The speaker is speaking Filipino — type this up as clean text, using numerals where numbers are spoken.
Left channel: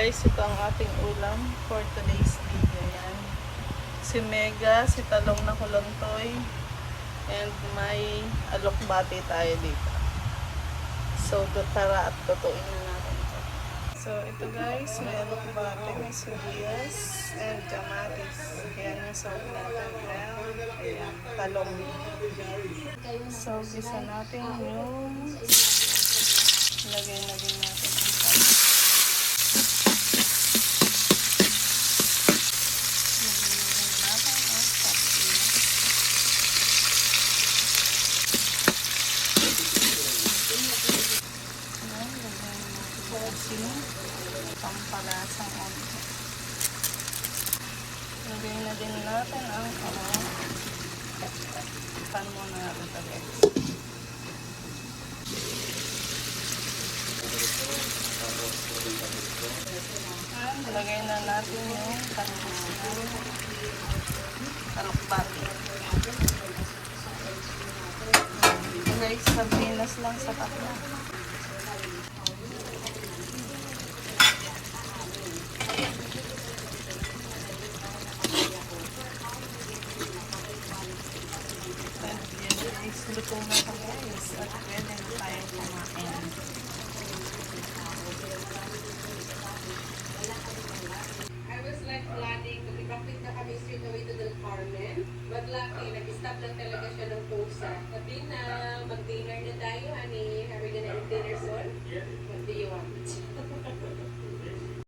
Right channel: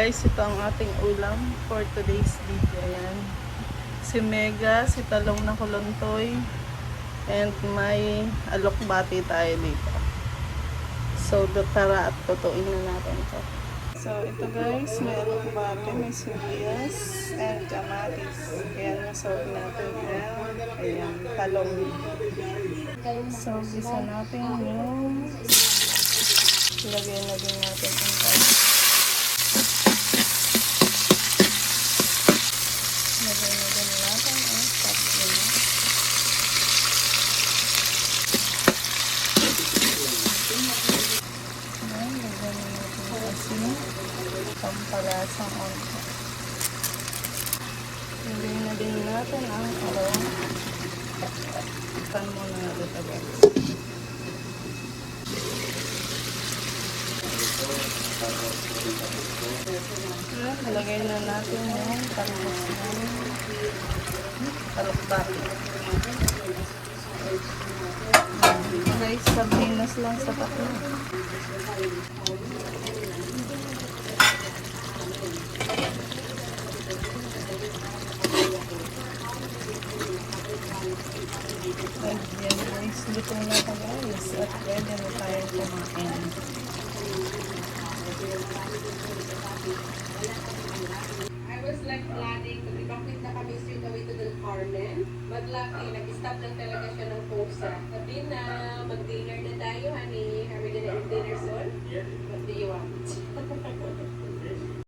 Guys, ito ang ating ulam for today's video. Yan. Si Mega, si talong na kulontoy, and may alokbati tayo dito. So, tara at tutuin na natin ito. So, ito guys, may alokbati, may sibuyas, and kamatis. Ayan yung soap natin. Ayan, talong. So, gisa natin yung lagyan na din natin yung talong. Pampalasang onto. Lagyan na din natin ang talong. Pan muna natin ito guys. Lagyan na natin yung alokbati. Guys, sardinas lang sa takla. And yan guys, luto na ito guys. At pwede na tayong kumain. I was like planning, bakit na kami straight away to Del Carmen. Mag-lucky, nag-stop lang talaga siya ng pusa. Sabi na, mag-dinner na tayo, honey. Are we gonna eat dinner soon? What do you want?